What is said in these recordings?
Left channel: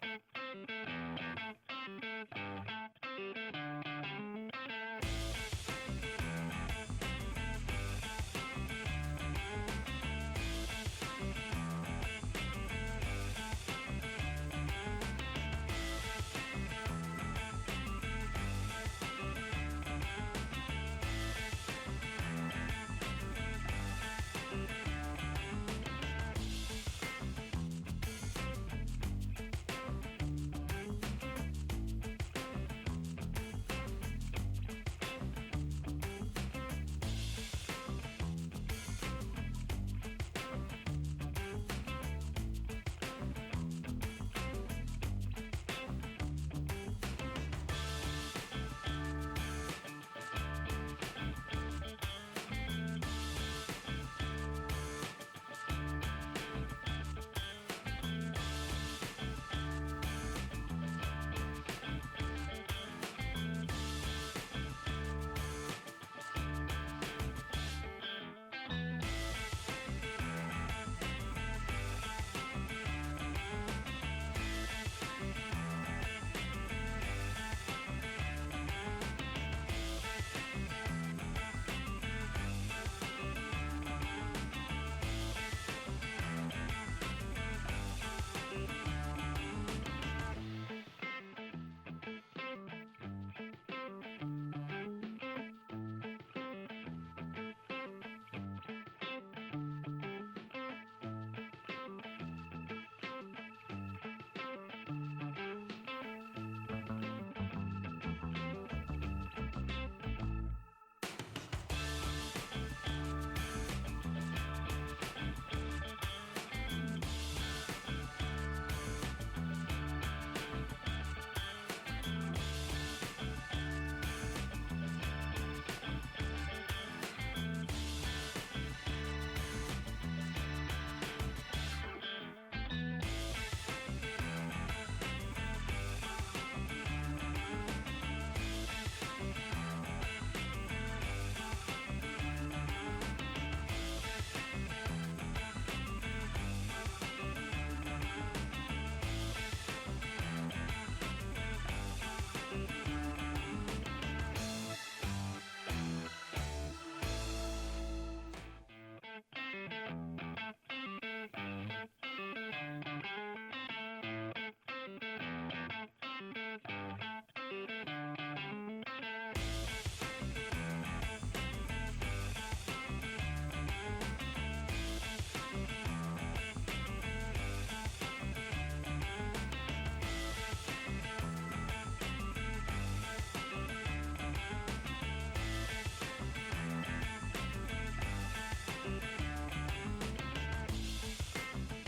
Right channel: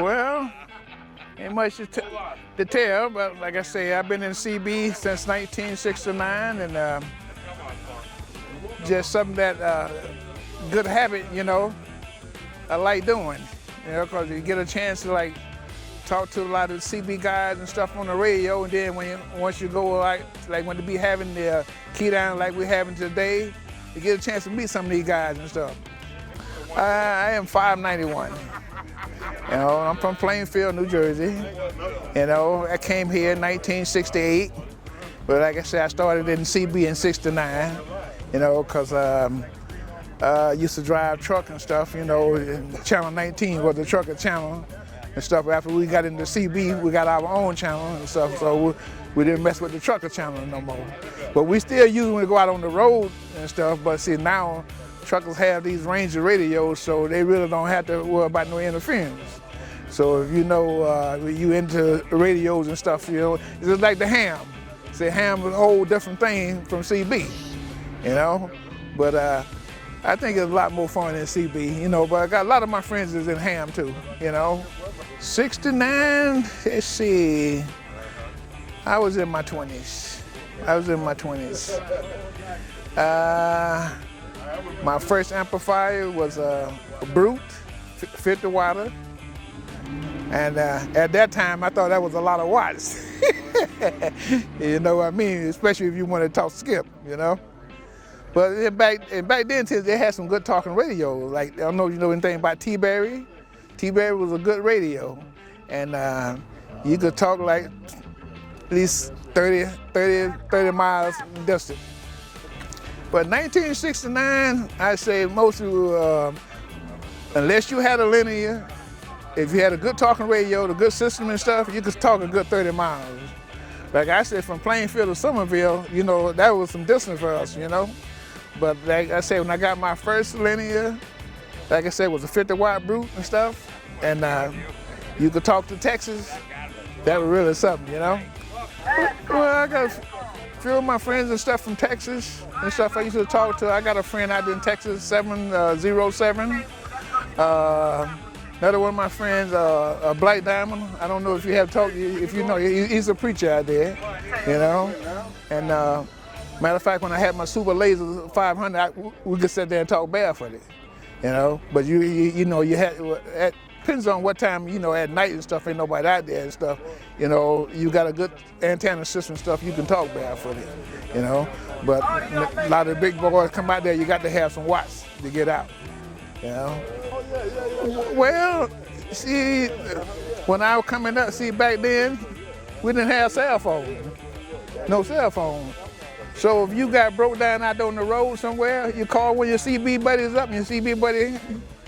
Well, ain't much to tell, but like I say, I've been in CB since 1969, and just something that good habit, you know, I like doing, you know, because you get a chance to like talk to a lot of CB guys and stuff on the radio, and then once you go like when they be having the keydown like we're having today, you get a chance to meet some of these guys and stuff. I am 591. You know, I'm from Plainfield, New Jersey. You know, I came here in 1968, but like I said, I started in CB in '69. You know, because I used to drive truck and stuff. You know, Channel 19 was the trucker channel and stuff. After we got into CB, we got our own channel and stuff, so we didn't mess with the trucker channel no more. But we still use when we go out on the road and stuff. But see, now truckers have these Ranger radios, so they really don't have to worry about no interference. So if you know you into radios and stuff, you know, it's just like the ham. See, ham is a whole different thing from CB, you know. But I think it's a lot more fun in CB, you know. But I got a lot of my friends is in ham too, you know. '69, let's see, I was in my 20s. My first amplifier was a Brute, 50 watt. And at that time, I thought that was a lot of watts. You know what I mean? Especially if you want to talk skip, you know? But back then, they had some good talking radios. Like, I don't know if you know anything about T-Berry. T-Berry was a good radio. And you could talk like at least 30 miles distant. But 1969, I say most of unless you had a linear, if you had a good talking radio, the good system and stuff, you could talk a good 30 miles. Like I said, from Plainfield to Somerville, you know, that was some distance for us, you know. But like I said, when I got my first linear, like I said, it was a 50 watt Brute and stuff, and you could talk to Texas. That was really something, you know. Well, I got a few of my friends and stuff from Texas and stuff I used to talk to. I got a friend out in Texas, 707. Another one of my friends, Black Diamond. I don't know if you have talked, if you know, he's a preacher out there, you know. And matter of fact, when I had my Super Laser 500, we could sit there and talk barefooted, you know. But you know, you had, it depends on what time, you know, at night and stuff, ain't nobody out there and stuff. You know, you got a good antenna system stuff, you can talk barefooted, you know. But a lot of the big boys come out there, you got to have some watts to get out, you know. Well, see, when I was coming up, see, back then, we didn't have cell phones, no cell phone. So if you got broke down out there on the road somewhere, you call one of your CB buddies up and your CB buddy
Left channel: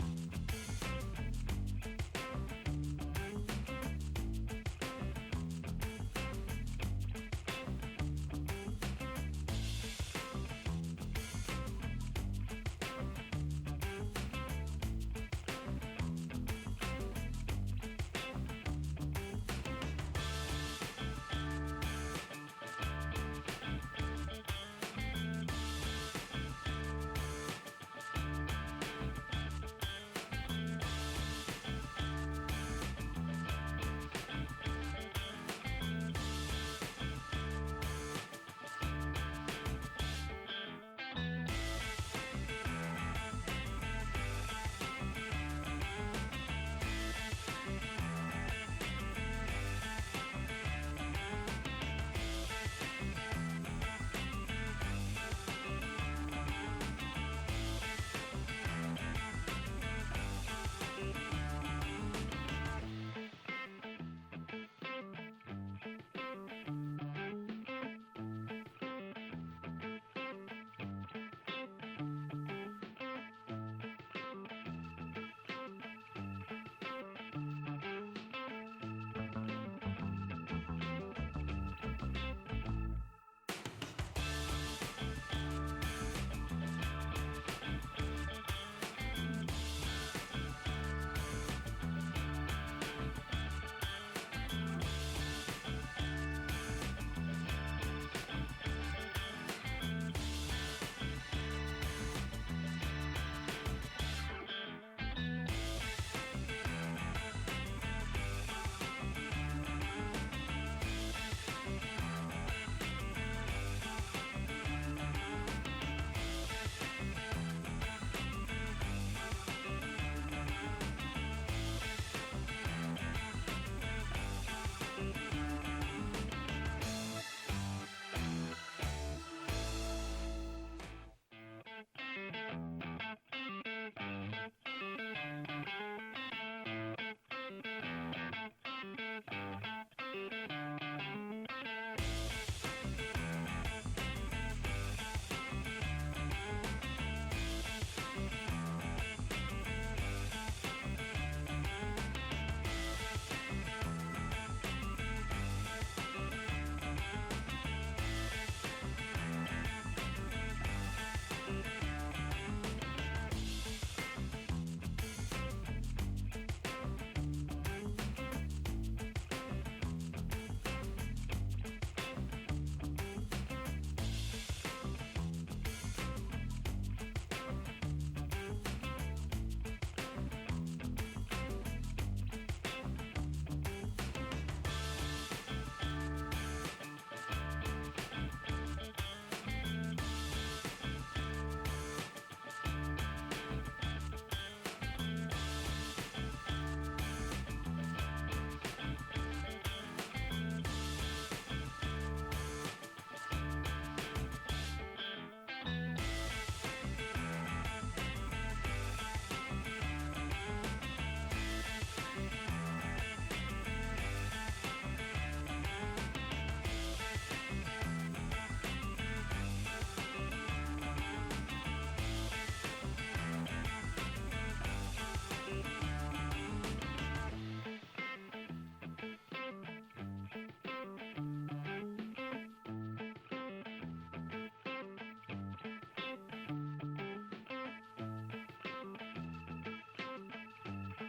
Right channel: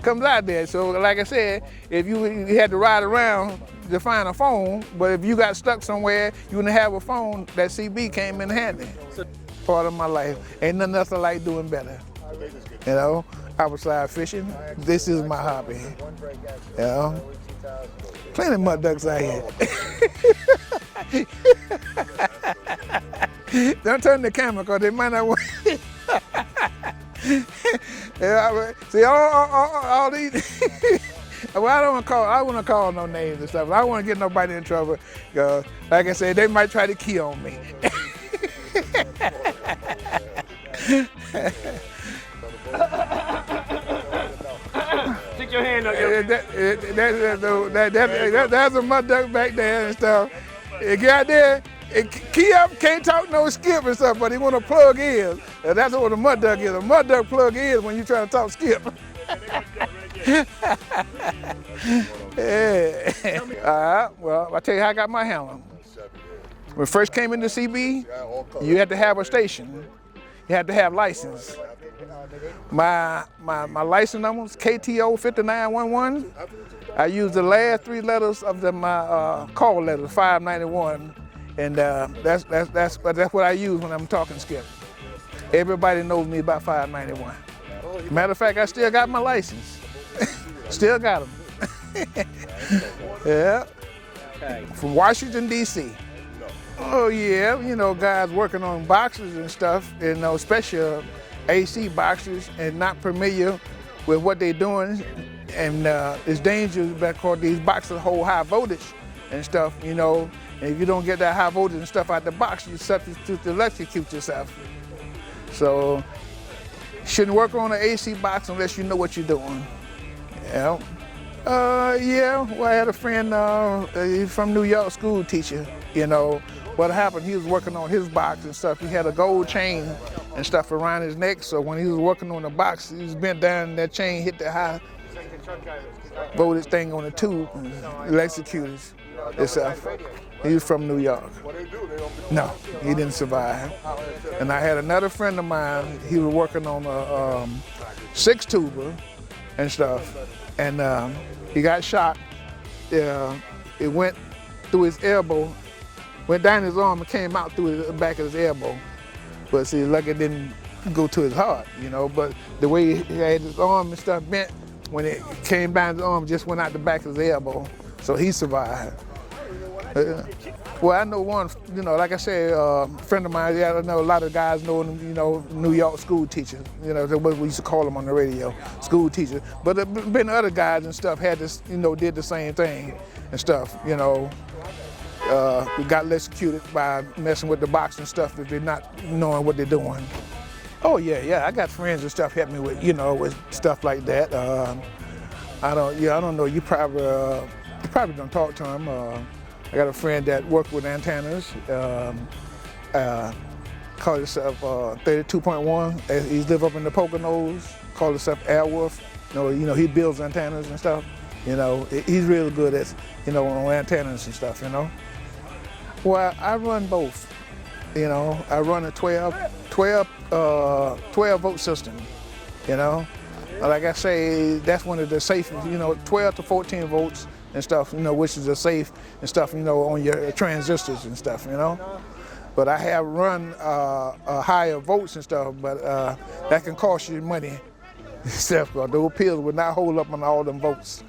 comes out there. So like I said, if you had to ride around to find a phone, but if you got stuck somewhere, you wouldn't have a phone, that CB came in handy. Part of my life, ain't nothing else I like doing better, you know. Outside fishing, this is my hobby, you know. Plenty of mud ducks out here. Don't turn the camera, because they might not want. See, all these. Well, I don't want to call no names and stuff. I don't want to get nobody in trouble, because, like I said, they might try to key on me. Stick your hand up. That's a mud duck back there and stuff. It got there, key up, can't talk no skip and stuff, but he want to plug in. And that's what a mud duck is. A mud duck plug in when you try to talk skip. Yeah. Well, I'll tell you how I got my helmet. When I first came into CB, you had to have a station. You had to have license. My license number was KTO 5911. I used the last 3 letters of my call letters, 591, and that's what I use when I'm talking skip. Everybody knows me about 591. Matter of fact, I still got my license. Still got them. Yeah. From Washington, D.C. Oh yeah, you know, guys working on boxes and stuff, you know, especially AC boxers and not familiar with what they're doing, and it's dangerous because these boxes hold high voltage and stuff, you know, and if you don't get that high voltage and stuff out the box, you substitute to electrocute yourself. So, shouldn't work on an AC box unless you know what you're doing. Yeah. Yeah, well, I had a friend, he's from New York, school teacher, you know. What happened, he was working on his box and stuff. He had a gold chain and stuff around his neck, so when he was working on the box, he was bent down and that chain hit the high voltage thing on the tube and electrocuted itself. He was from New York. No, he didn't survive. And I had another friend of mine, he was working on a 6-tuber and stuff, and he got shot. It went through his elbow, went down his arm and came out through the back of his elbow. But see, lucky it didn't go to his heart, you know, but the way he had his arm and stuff bent, when it came down his arm, just went out the back of his elbow, so he survived. Well, I know one, you know, like I said, a friend of mine, yeah, I know a lot of guys know him, you know, New York school teachers, you know, that's what we used to call them on the radio, school teachers. But there been other guys and stuff had this, you know, did the same thing and stuff, you know. We got electrocuted by messing with the box and stuff if they're not knowing what they're doing. Oh yeah, I got friends and stuff help me with, you know, with stuff like that. I don't know, you probably don't talk to him. I got a friend that worked with antennas, called himself 32.1. He live up in the Poconos, called himself Airwolf. You know, he builds antennas and stuff. You know, he's really good at, you know, on antennas and stuff, you know. Well, I run both. You know, I run a 12 volt system, you know. Like I say, that's one of the safest, you know, 12 to 14 volts and stuff, you know, which is a safe and stuff, you know, on your transistors and stuff, you know. But I have run higher volts and stuff, but that can cost you money. Except those pills would not hold up on all them volts.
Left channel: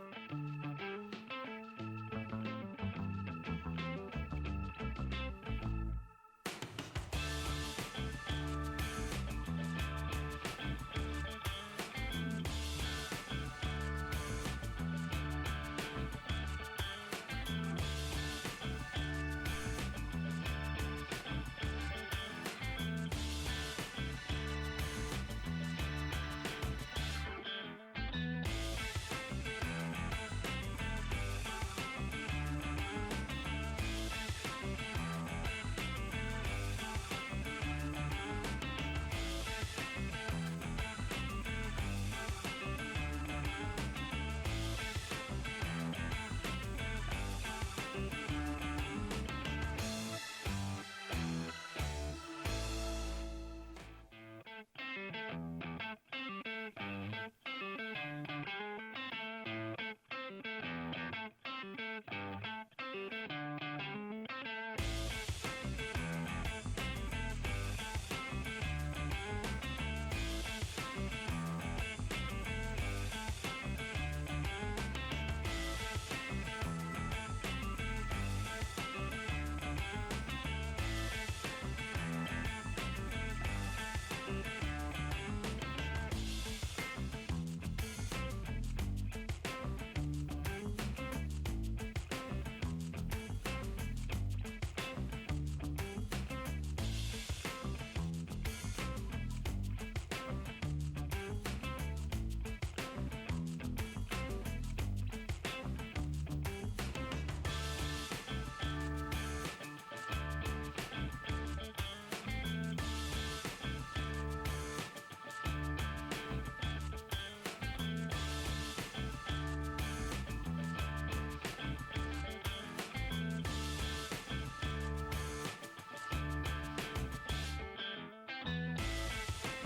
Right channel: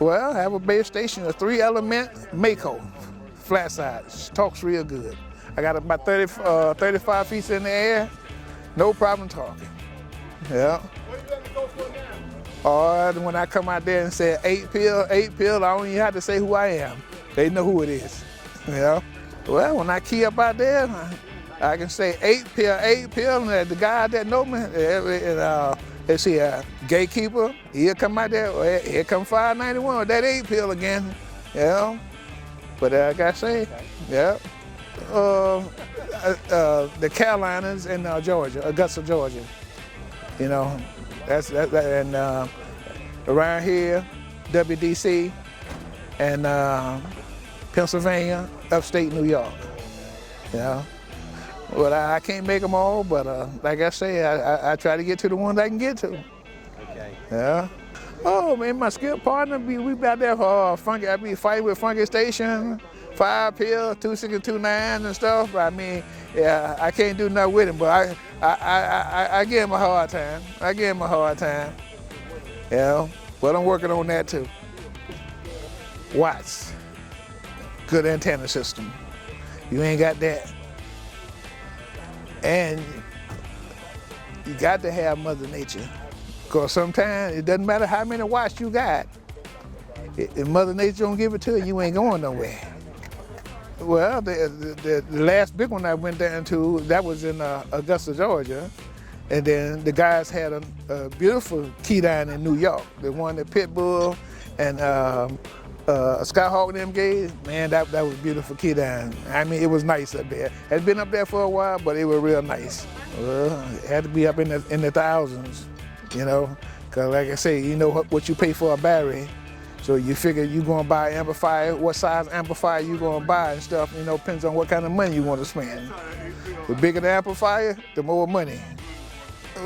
Well, I have a base station, a 3-element Mako, flat side. Talks real good. I got about 35 feet in the air, no problem talking. Yeah. Or when I come out there and say 8 pill, I don't even have to say who I am. They know who it is. Yeah. Well, when I key up out there, I can say 8 pill, and the guy that know me, let's see, gatekeeper, he'll come out there, well, here come 591 with that 8 pill again. Yeah. But like I say, yeah. The Carolinas in Georgia, Augusta, Georgia. You know, that's and around here, WDC, and Pennsylvania, upstate New York. Yeah. Well, I can't make them all, but like I say, I try to get to the ones I can get to. Yeah. Oh man, my skill partner, we out there for funky. I be fighting with Funky Station, 5 pill, 2629 and stuff. I mean, yeah, I can't do nothing with him, but I give him a hard time. Yeah, but I'm working on that too. Watts, good antenna system. You ain't got that. And you got to have Mother Nature. Because sometimes it doesn't matter how many watts you got. If Mother Nature don't give it to you, you ain't going nowhere. Well, the last big one I went down to, that was in Augusta, Georgia. And then the guys had a beautiful keydown in New York. The one that Pitbull and Skyhawk and them gave, man, that was a beautiful keydown. I mean, it was nice up there. Had been up there for a while, but it was real nice. Well, it had to be up in the thousands, you know, because like I say, you know what you pay for a battery. So you figure you're gonna buy an amplifier, what size amplifier you gonna buy and stuff, you know, depends on what kind of money you want to spend. The bigger the amplifier, the more money.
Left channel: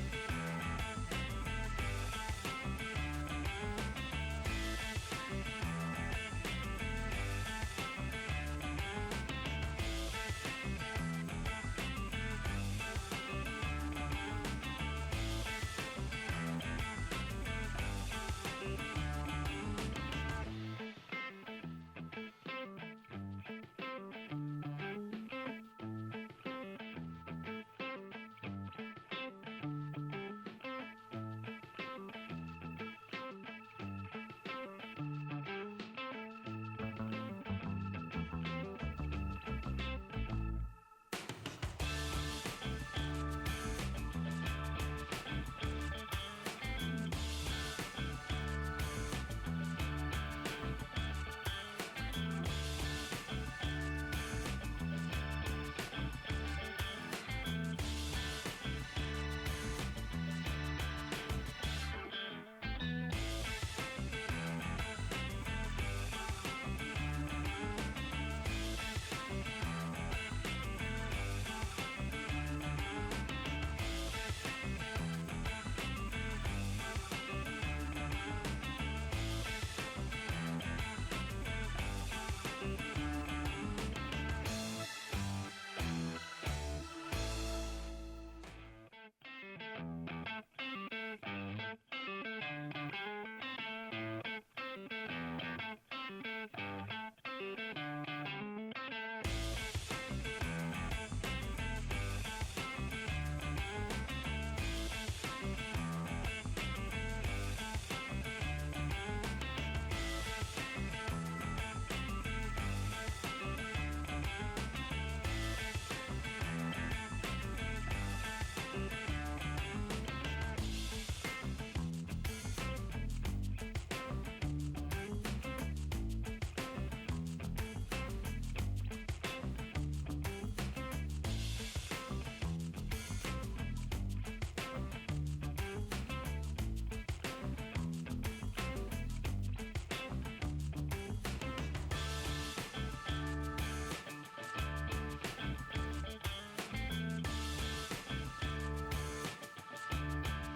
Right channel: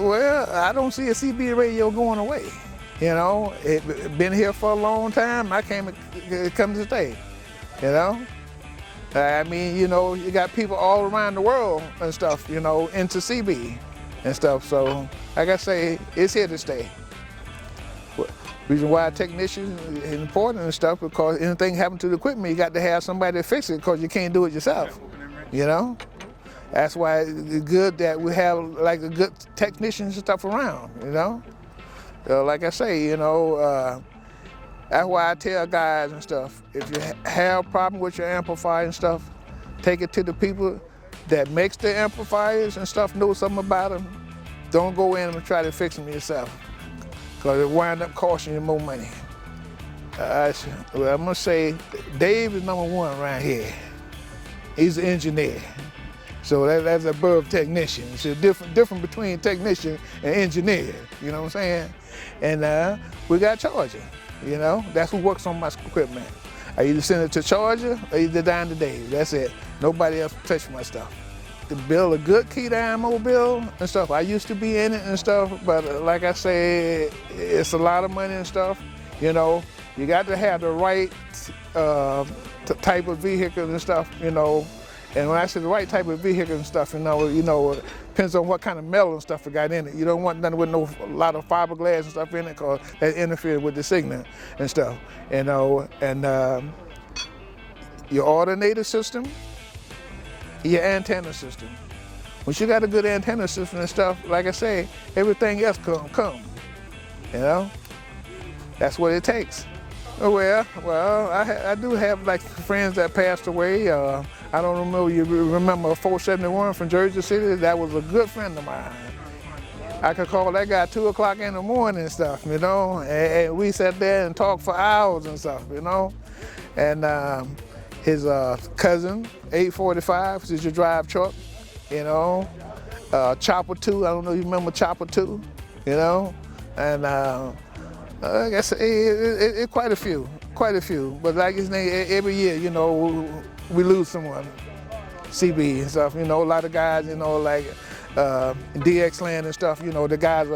Well, I don't see a CB radio going away. You know, it's been here for a long time. I came to stay, you know. I mean, you know, you got people all around the world and stuff, you know, into CB and stuff. So, like I say, it's here to stay. Reason why a technician is important and stuff, because anything happens to the equipment, you got to have somebody to fix it, because you can't do it yourself, you know. That's why it's good that we have like a good technicians and stuff around, you know? Like I say, you know, that's why I tell guys and stuff, if you have a problem with your amplifier and stuff, take it to the people that makes the amplifiers and stuff, know something about them. Don't go in and try to fix them yourself, because it wind up costing you more money. I'm gonna say Dave is number one around here. He's an engineer. So that's above technician. It's a different between technician and engineer, you know what I'm saying? And we got charger, you know? That's who works on my equipment. I either send it to charger or either down to Dave. That's it. Nobody else touch my stuff. To build a good Keydown mobile and stuff, I used to be in it and stuff, but like I say, it's a lot of money and stuff. You know, you got to have the right type of vehicle and stuff, you know. And when I say the right type of vehicle and stuff, you know, depends on what kind of metal and stuff it got in it. You don't want nothing with a lot of fiberglass and stuff in it, because that interferes with the signal and stuff, you know. And your alternator system, your antenna system. Once you got a good antenna system and stuff, like I say, everything else come, you know. That's what it takes. Well, I do have like friends that passed away. I don't know, you remember 471 from Jersey City? That was a good friend of mine. I could call that guy 2 o'clock in the morning and stuff, you know, and we sat there and talked for hours and stuff, you know. And his cousin, 845, which is your drive truck, you know. Chopper 2, I don't know if you remember Chopper 2, you know. And I guess it quite a few. But like his name, every year, you know, we lose someone. CB and stuff, you know, a lot of guys, you know, like DX Land and stuff, you know, the guys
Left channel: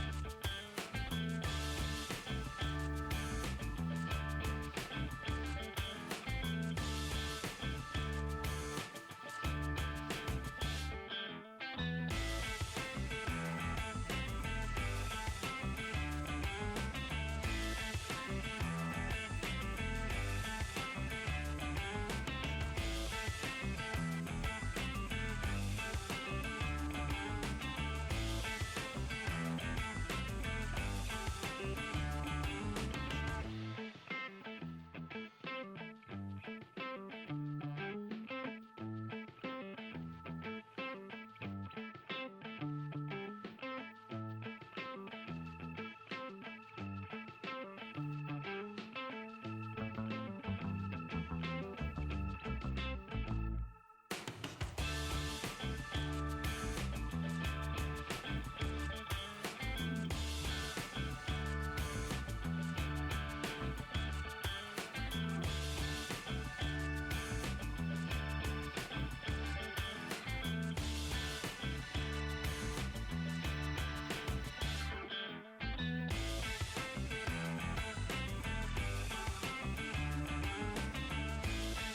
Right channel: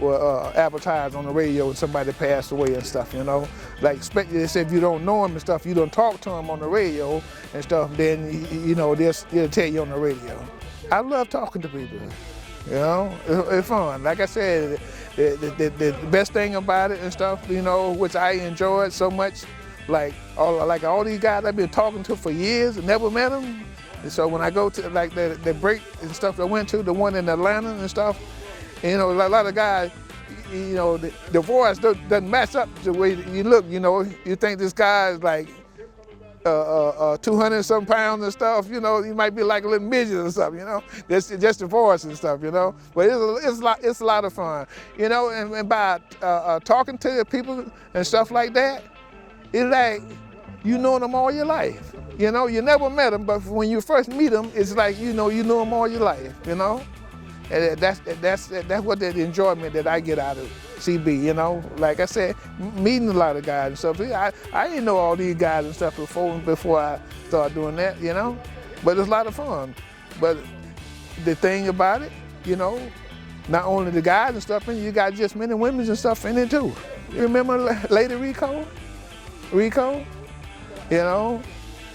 were advertised on the radio and somebody passed away and stuff, you know. Like, especially if you don't know them and stuff, you don't talk to them on the radio and stuff, then, you know, they'll tell you on the radio. I love talking to people, you know, it's fun. Like I said, the best thing about it and stuff, you know, which I enjoyed so much, like all these guys I've been talking to for years and never met them. And so when I go to like the break and stuff I went to, the one in Atlanta and stuff, you know, a lot of guys, you know, the voice doesn't match up the way you look, you know. You think this guy is like 200-some pounds and stuff, you know, you might be like a little midget or something, you know. That's just the voice and stuff, you know. But it's a lot of fun, you know. And by talking to the people and stuff like that, it's like you know them all your life, you know. You never met them, but when you first meet them, it's like you know them all your life, you know. And that's what the enjoyment that I get out of CB, you know. Like I said, meeting a lot of guys and stuff. I didn't know all these guys and stuff before I started doing that, you know. But it's a lot of fun. But the thing about it, you know, not only the guys and stuff, you got just men and women and stuff in it too. You remember Lady Rico, you know.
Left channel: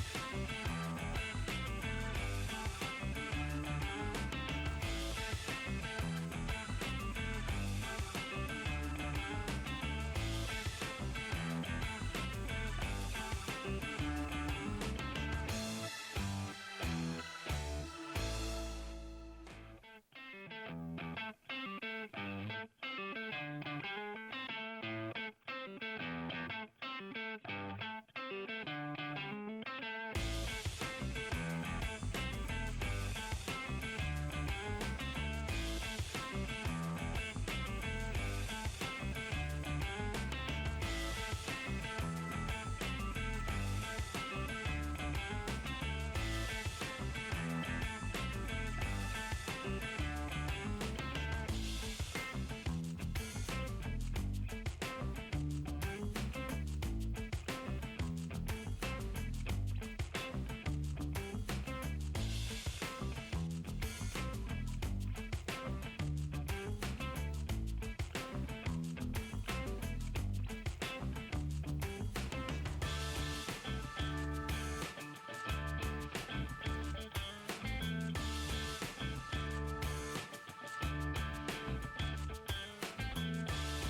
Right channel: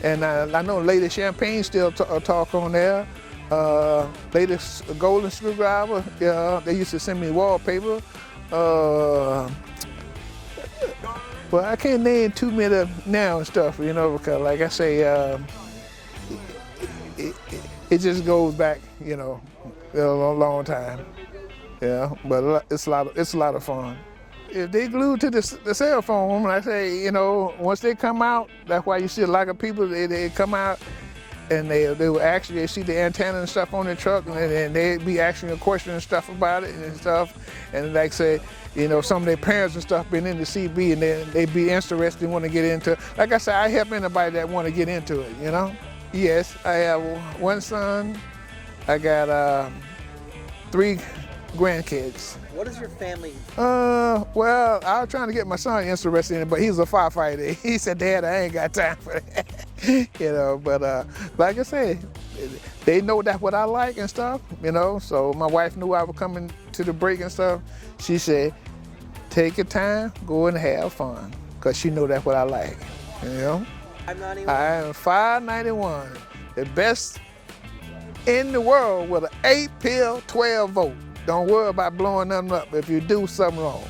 And I know Lady Champagne still talk on there. Latest Golden Screwdriver, they used to send me wallpaper. But I can't name too many now and stuff, you know, because like I say, it just goes back, you know, a long time. Yeah, but it's a lot of fun. If they glued to the cell phone, I say, you know, once they come out, that's why you see a lot of people, they come out and they will actually see the antenna and stuff on the truck, and they'd be asking a question and stuff about it and stuff. And like say, you know, some of their parents and stuff been into CB and they'd be interested and want to get into it. Like I said, I help anybody that want to get into it, you know? Yes, I have one son. I got 3 grandkids. What is your family? Well, I was trying to get my son interested in it, but he's a firefighter. He said, Dad, I ain't got time for that. You know, but like I said, they know that's what I like and stuff, you know. So my wife knew I was coming to the break and stuff. She said, take your time, go and have fun, because she know that's what I like, you know. I am 591, the best in the world with an 8-pill, 12-volt. Don't worry about blowing them up if you do something wrong.